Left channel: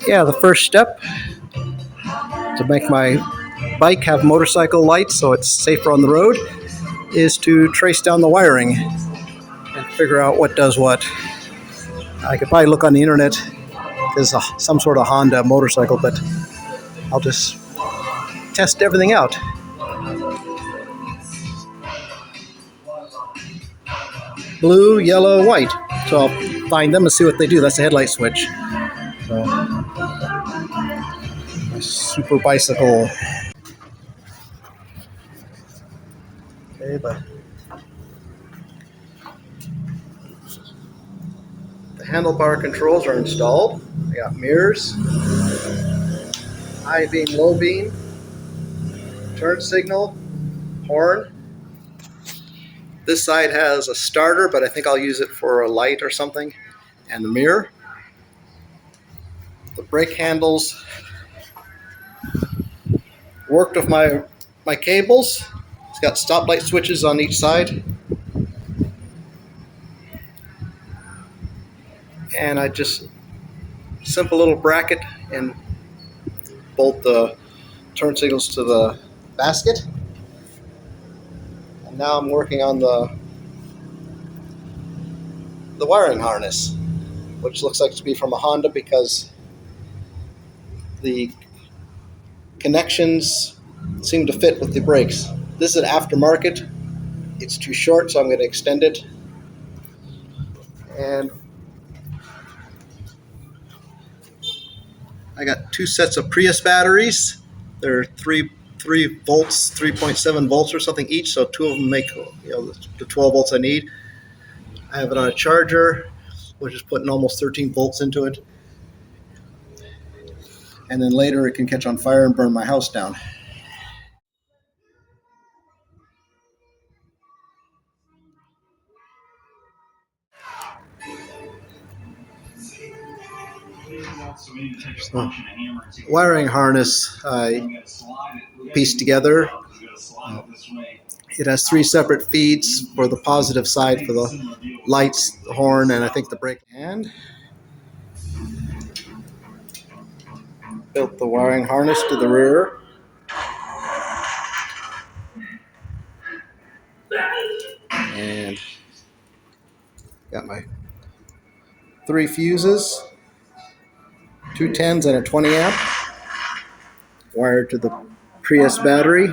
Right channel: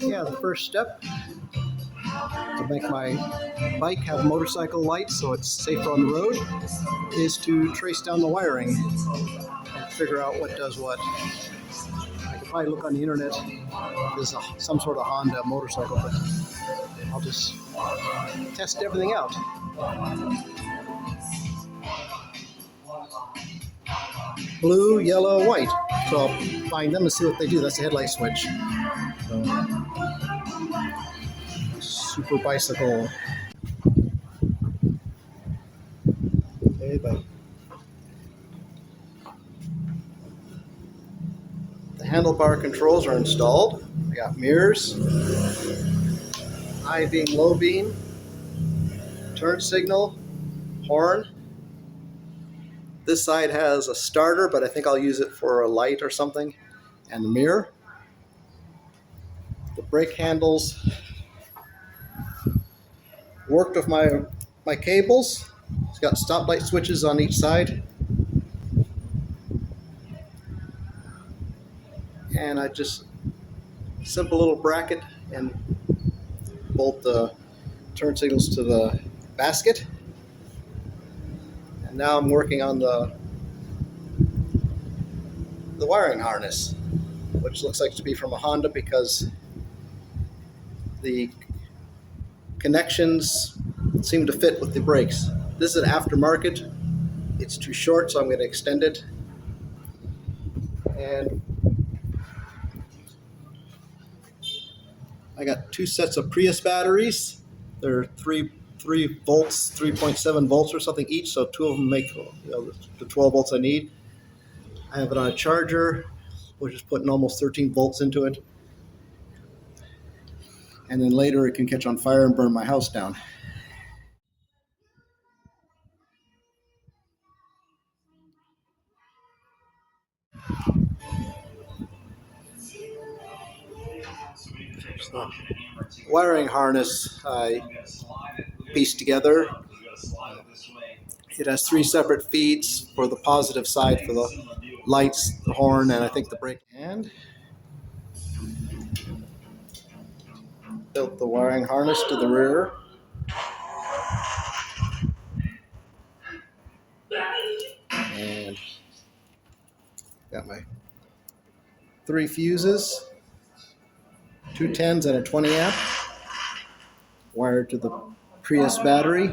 Yeah, the first step to make my bike have motorcycle lights so it's safer on the road is to trace down the wiring and figure out what does what. I could probably look on the internet. There's some sort of Honda motorcycle, but I'll just test everything out. Blue, yellow, white. So I'll find them and see what they do. That's the headlight switch. So, super bicycle. Okay, but the handlebar controls are installed. I got mirrors, high beam, low beam, turn signal, horn. This side has a starter, but I think I'll use it for a light or something, and the mirror. The brake handles worked with my cables. It's got stoplight switches on each side. And I just simple little bracket and bolt the turn signals to the basket. And now I'm working on the wiring harness, which looks like to be from a Honda because the connections seem to fit with the brakes. This is an aftermarket. It's too short, so I'm going to extend it. And I got two sets of Prius batteries. They're 3 volts, 3.7 volts or something each, so two of them make the 12 volts I need. I have it on a charger, which is putting almost 13 volts into it. And then later it can catch on fire and burn my house down. So, wiring harness I pieced together. It has 3 separate feeds for the positive side for the lights, the horn, and I think the brake. And built the wiring harness to the rear. And got my 3 fuses, 2 10s and a 20 amp, wired to the Prius battery.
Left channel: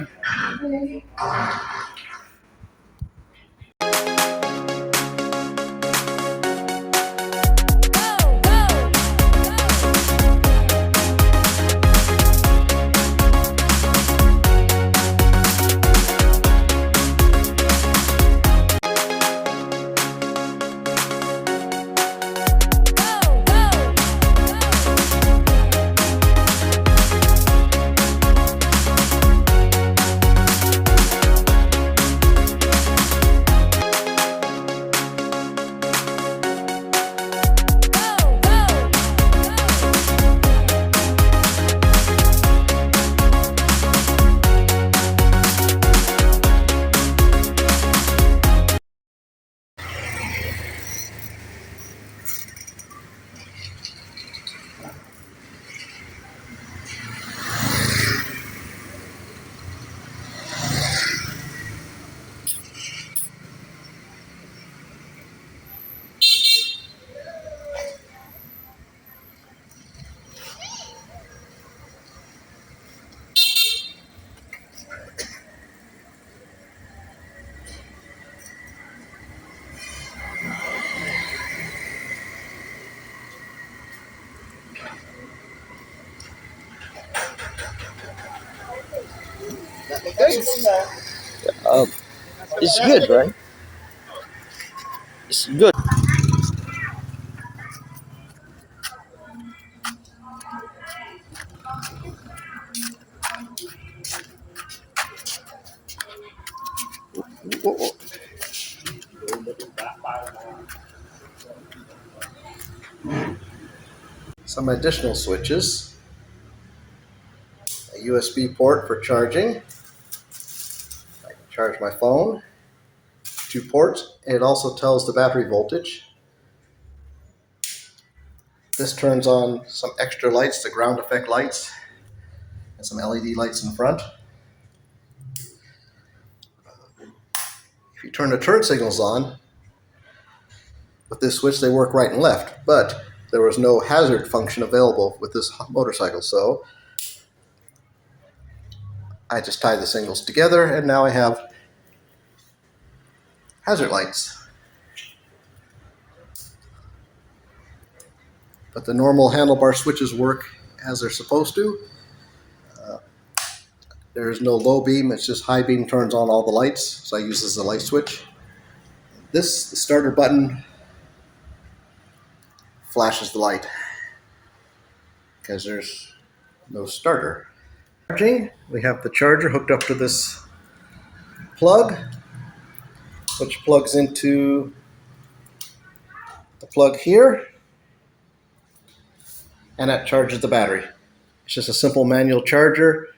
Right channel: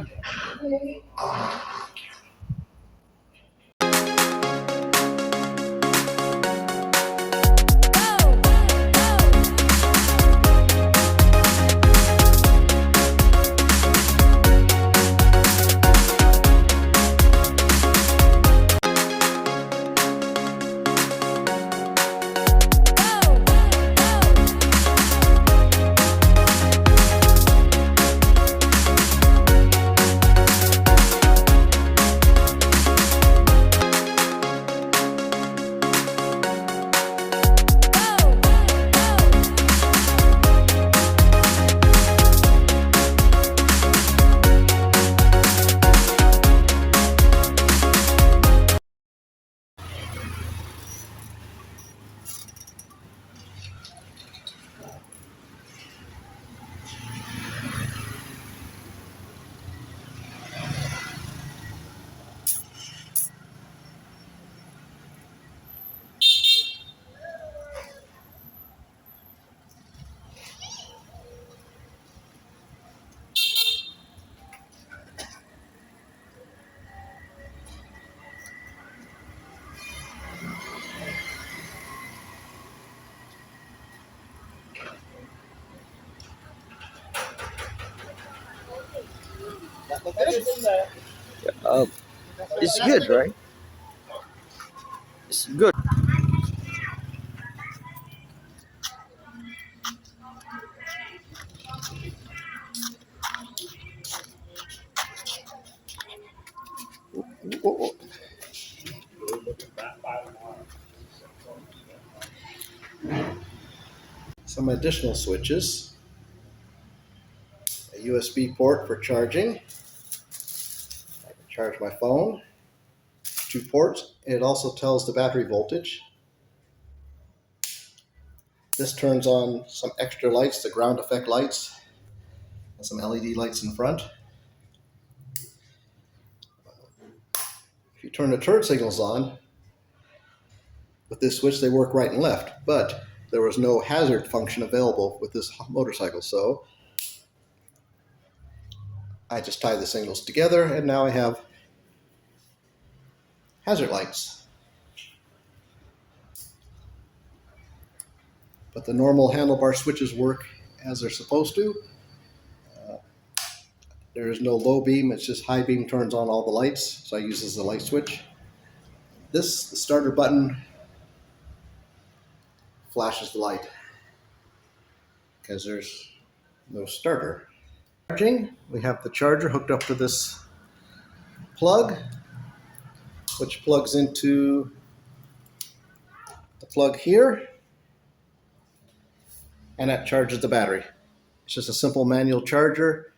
It's good, right? It's good. Some additional switches, a USB port for charging. I can charge my phone, 2 ports, and it also tells the battery voltage. This turns on some extra lights, the ground effect lights, and some LED lights in front. If you turn the turn signals on, with this switch they work right and left, but there was no hazard function available with this motorcycle, so I just tie the signals together and now I have hazard lights. But the normal handlebar switches work as they're supposed to. There's no low beam, it's just high beam turns on all the lights, so I use this as a light switch. The starter button flashes the light because there's no starter. Charging, we have the charger hooked up to this plug, which plugs into the plug here, and that charges the battery. It's just a simple manual charger.